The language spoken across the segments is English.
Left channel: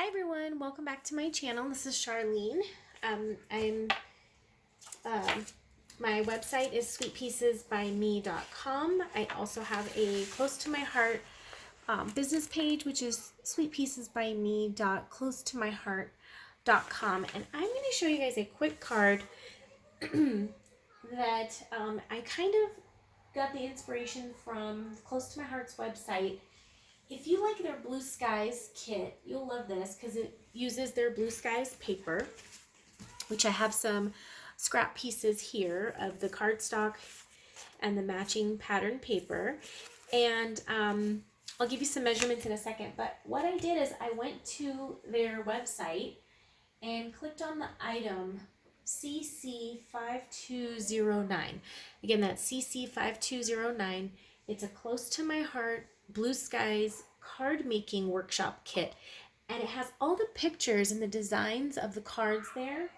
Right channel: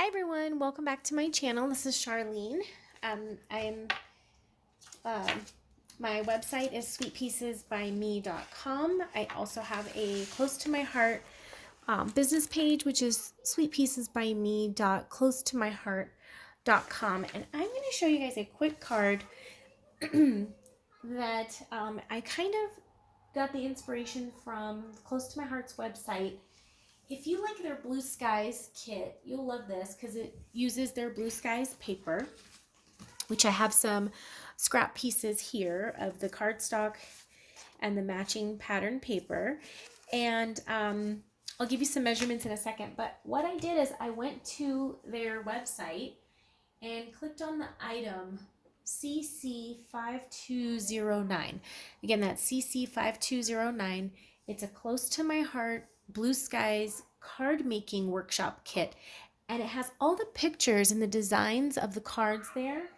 Hi everyone, welcome back to my channel. This is Charlene. I'm my website is sweetpiecesbyme.com. I also have a close to my heart business page, which is sweetpiecesbyme.closetomyheart.com, and I'm going to show you guys a quick card that I kind of got the inspiration from Close to My Heart's website. If you like their Blue Skies kit, you'll love this because it uses their Blue Skies paper, which I have some scrap pieces here of the cardstock and the matching pattern paper. And I'll give you some measurements in a second. But what I did is I went to their website and clicked on the item CC5209. Again, that's CC5209. It's a Close to My Heart Blue Skies card making workshop kit, and it has all the pictures and the designs of the cards there.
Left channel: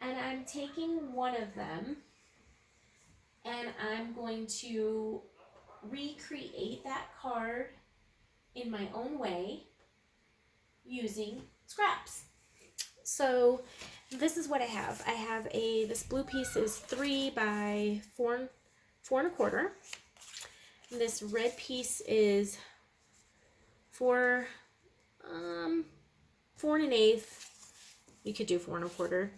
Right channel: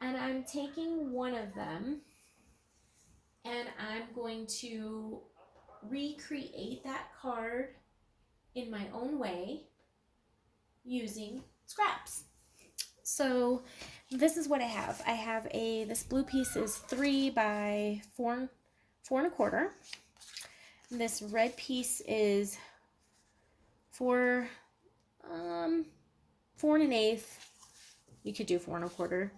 And I'm taking one of them and I'm going to recreate that card in my own way using scraps. So this is what I have. I have this blue piece is 3 by 4 4 1/4. This red piece is 4 1/8. You could do 4 1/4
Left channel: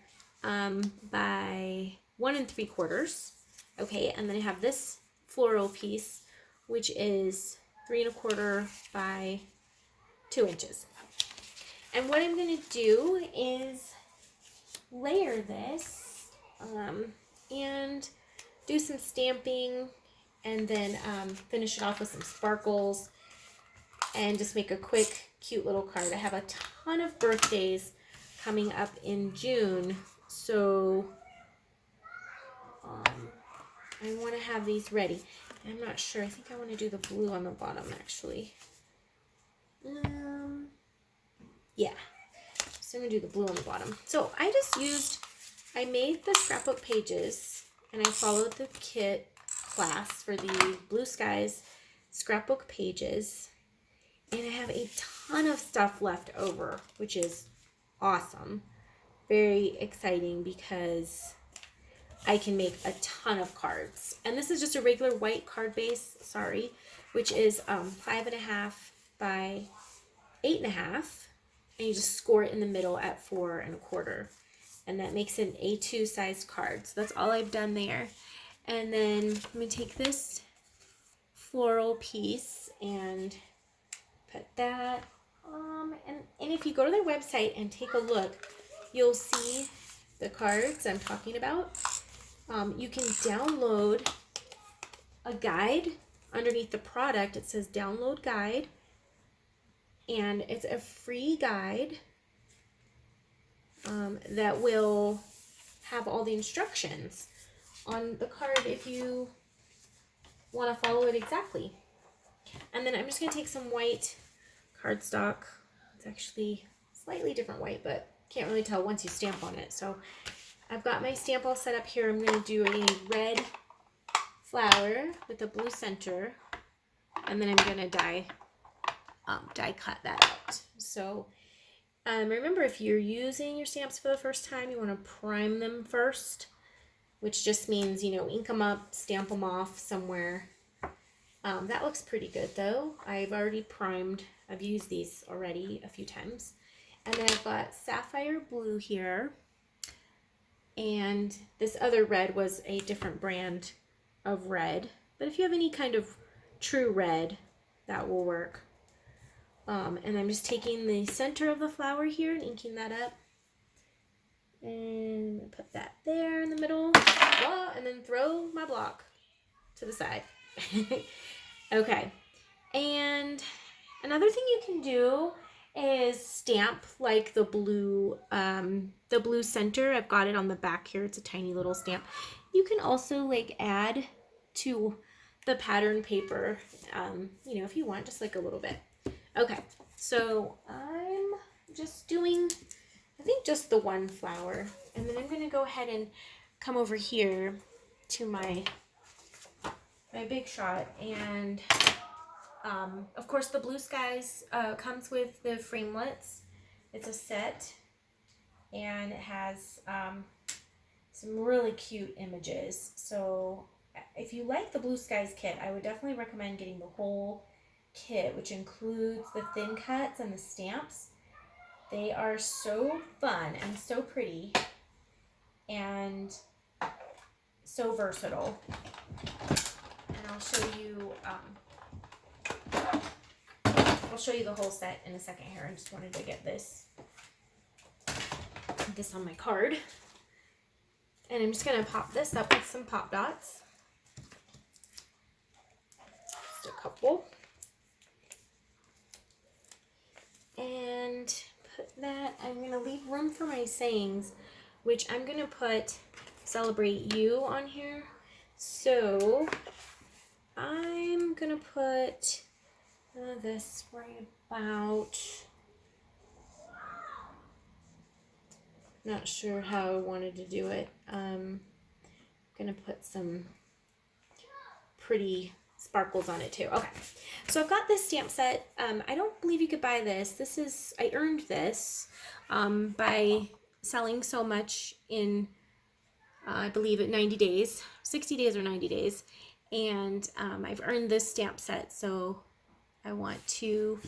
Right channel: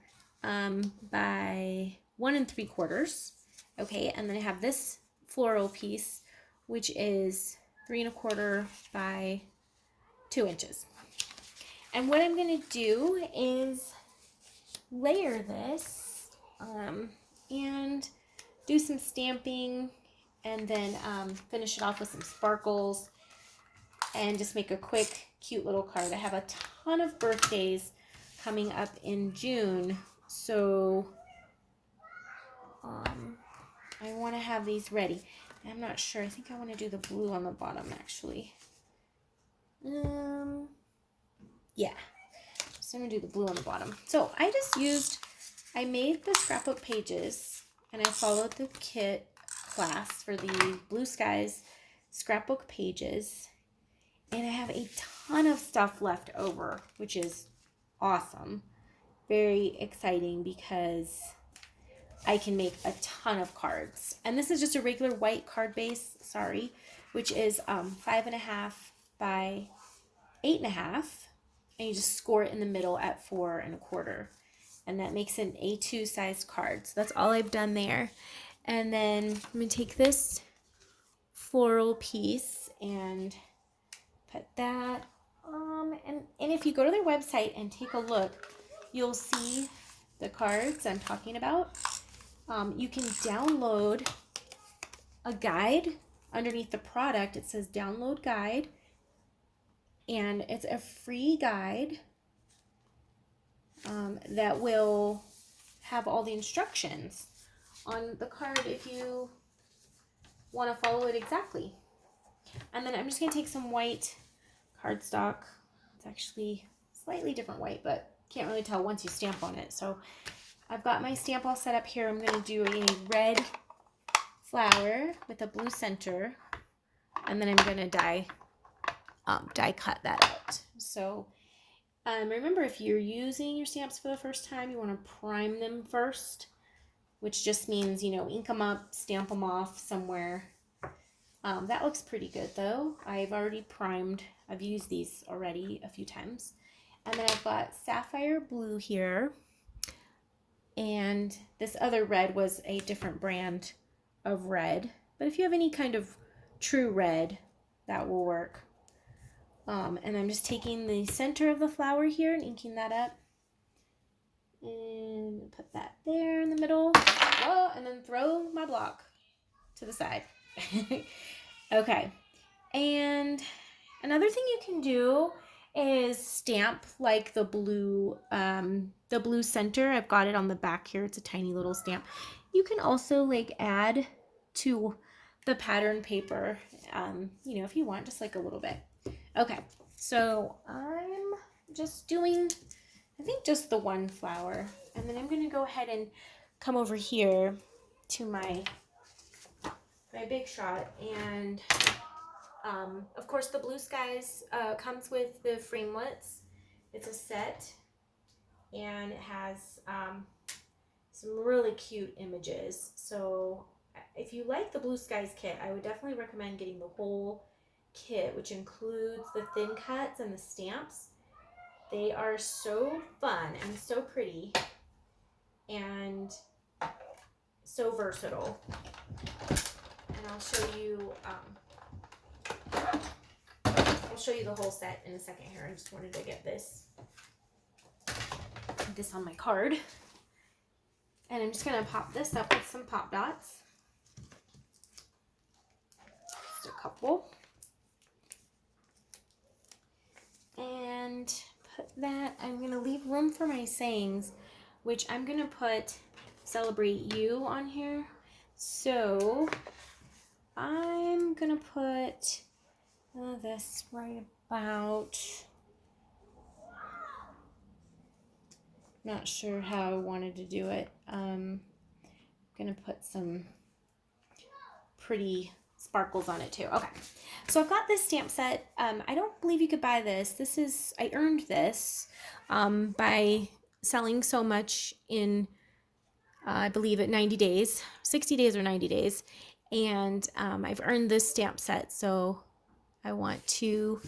by 1 3/4. Okay, and then I have this floral piece, which is 3 1/4 by 2 inches. And what I'm going to do is layer this and do some stamping, and then finish it off with some sparkles and just make a quick, cute little card. I have a ton of birthdays coming up in June, so I want to have these ready. I'm not sure. I think I want to do the blue on the bottom, actually. Yeah. So I'm going to do the blue on the bottom. So I made the scrapbook pages, and I followed the kit class for the Blue Skies scrapbook pages. And I have a ton of stuff left over, which is awesome. Very exciting because I can make a ton of cards. And this is just a regular white card base, which is 5.5 by 8.5. And you just score it in the middle at 4 1/4. And that makes an A2 size card. So that's all I've done there. And then let me take this floral piece and put that and if you go to their website and take a look, you'll see the cards I'm talking about. You can download a guide underneath the product. It says download guide, and it's a free guide that will have all the instructions on the card if you want to follow it exactly. And then I'm just going to take some white cardstock. It's actually slightly different white, but can't really tell once you stamp on it. So I've got my stamp all set up here. I'm going to do a red flower with a blue center, and then I'm going to die cut that out. So remember, if you're using your stamps for the first time, you want to prime them first, which just means, ink them up, stamp them off somewhere. That looks pretty good though. I've already primed. I've used these already a few times. And then I've got sapphire blue here. And this other red was a different brand of red. But if you have any kind of true red, that will work. And I'm just taking the center of the flower here and inking that up. And put that there in the middle. Whoa, and then throw my block to the side. Okay, and another thing you can do is stamp like the blue center. I've got it on the back here. It's a tiny little stamp. You can also add to the pattern paper, if you want, just like a little bit. Okay, so I'm just doing, I think, just the one flower, and then I'm going to go ahead and come over here to my Big Shot, and of course the Blue Skies comes with the framelits, It's a set, and it has some really cute images. So if you like the Blue Skies kit, I would definitely recommend getting the whole kit, which includes the thin cuts and the stamps. They are so fun and so pretty and so versatile. And I'll show you the whole set in a second here. I just wanted to get this on my card. And I'm just gonna pop this up with some pop dots. Just a couple. And put that, I'm gonna leave room for my sayings, which I'm gonna put Celebrate You on here. So I'm gonna put this right about, not sure how I wanted to do it. I'm gonna put some pretty sparkles on it too. Okay, so I've got this stamp set. I don't believe you could buy this. I earned this by selling so much in I believe at 90 days, 60 days or 90 days, and I've earned this stamp set, so I want to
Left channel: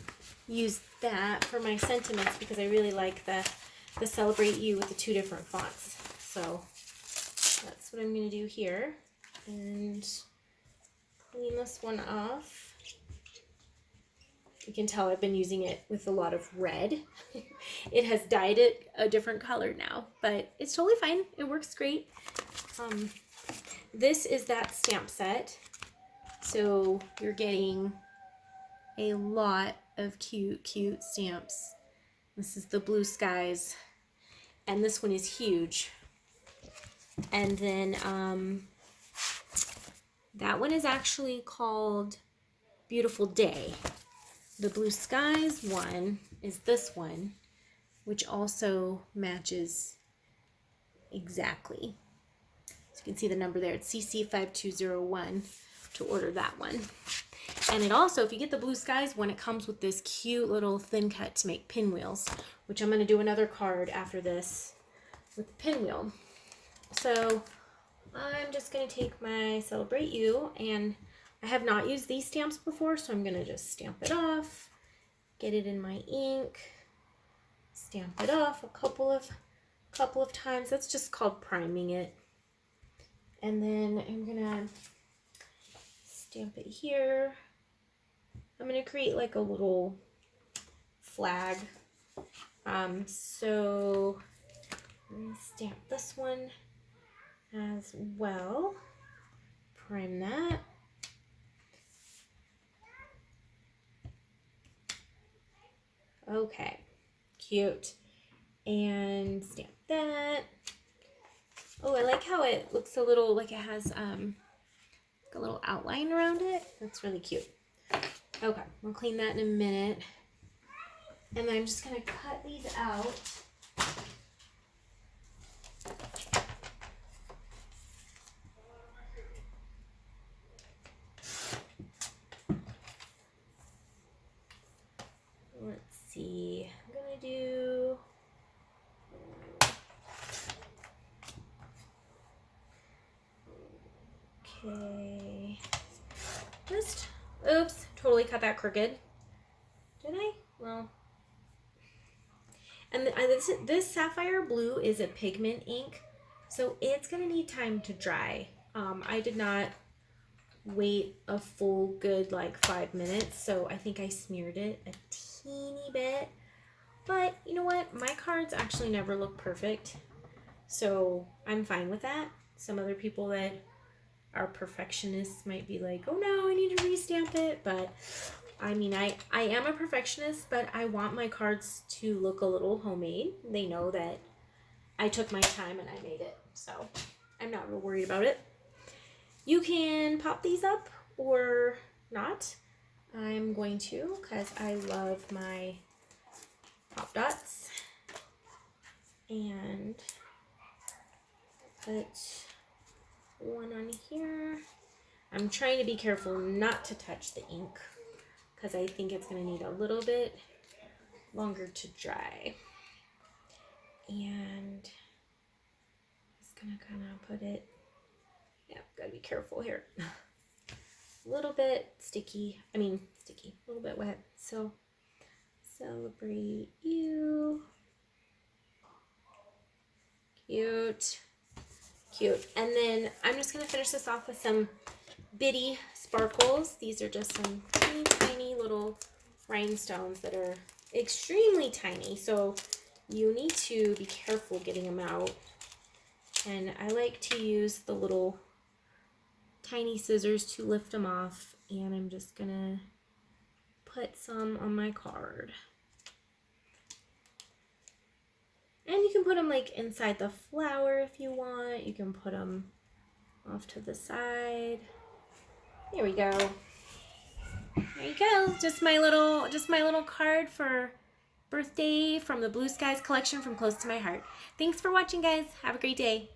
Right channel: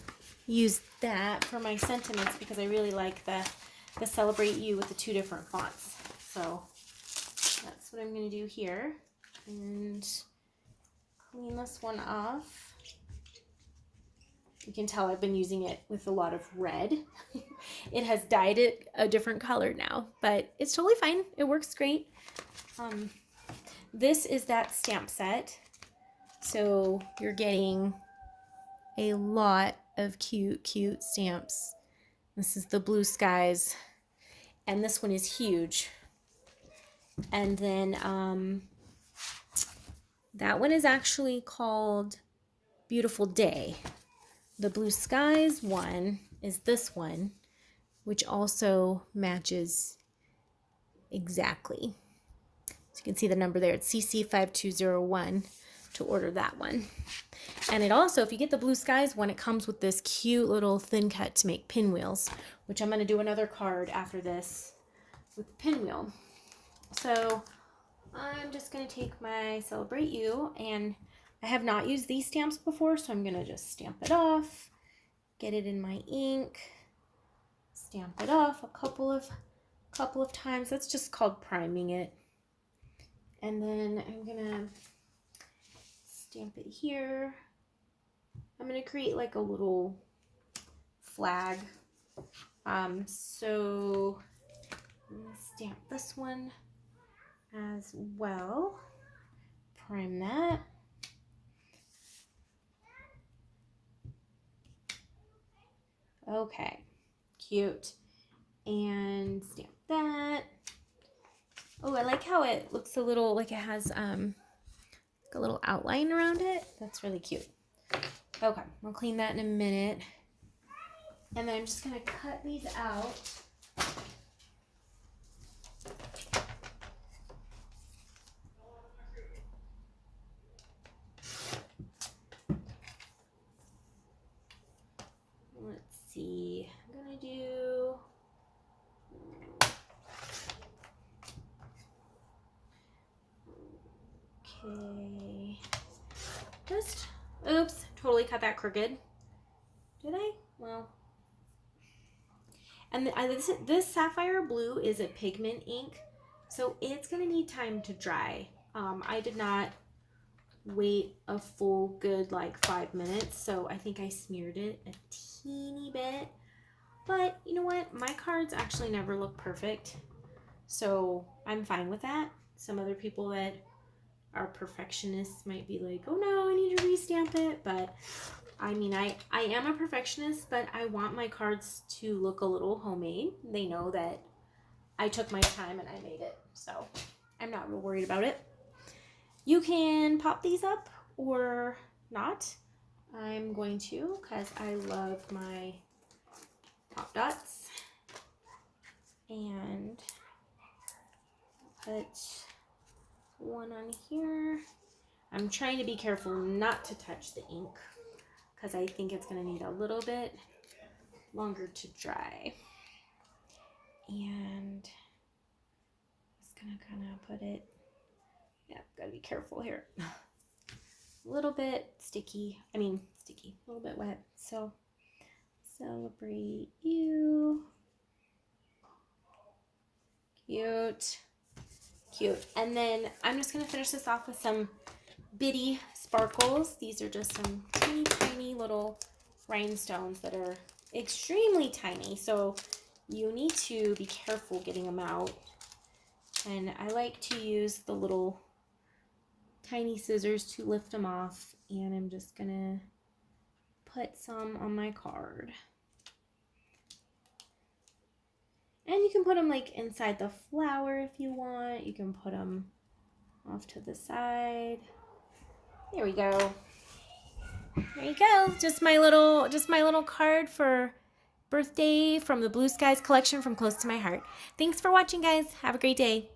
use that for my sentiments because I really like the Celebrate You with the two different fonts. So that's what I'm going to do here, and clean this one off. You can tell I've been using it with a lot of red. It has dyed it a different color now, but it's totally fine. It works great. This is that stamp set. So you're getting a lot of cute stamps. This is the Blue Skies, and this one is huge. And then that one is actually called Beautiful Day. The Blue Skies one is this one, which also matches exactly. So you can see the number there. It's CC5201 to order that one. And it also, if you get the Blue Skies one, it comes with this cute little thin cut to make pinwheels, which I'm going to do another card after this with the pinwheel. So I'm just going to take my Celebrate You, and I have not used these stamps before, so I'm going to just stamp it off, get it in my ink, stamp it off a couple of times. That's just called priming it. And then I'm going to stamp it here. I'm going to create like a little flag. So I'm going to stamp this one as well. Prime that. Okay, cute. And stamp that. Oh, I like how it looks a little like it has a little outline around it. That's really cute. Okay, we'll clean that in a minute. And then I'm just gonna cut these out. Let's see, I'm gonna do, okay, just, oops, totally cut that crooked. Did I? Well, and this Sapphire Blue is a pigment ink, so it's gonna need time to dry. I did not wait a full good like 5 minutes, so I think I smeared it a teeny bit. But you know what? My cards actually never look perfect, so I'm fine with that. Some other people that are perfectionists might be like, oh no, I need to restamp it. But I mean, I am a perfectionist, but I want my cards to look a little homemade. They know that I took my time and I made it, so I'm not real worried about it. You can pop these up or not. I'm going to, because I love my pop dots. And put one on here. I'm trying to be careful not to touch the ink because I think it's going to need a little bit longer to dry. And just gonna kind of put it, yeah, gotta be careful here. A little bit sticky, a little bit wet. So celebrate you. Cute. Cute. And then I'm just going to finish this off with some bitty sparkles. These are just some teeny tiny little rhinestones that are extremely tiny. So you need to be careful getting them out. And I like to use the little tiny scissors to lift them off. And I'm just going to put some on my card. And you can put them like inside the flower if you want. You can put them off to the side. There we go. There you go. Just my little card for birthday from the Blue Skies collection from Close to My Heart. Thanks for watching, guys. Have a great day.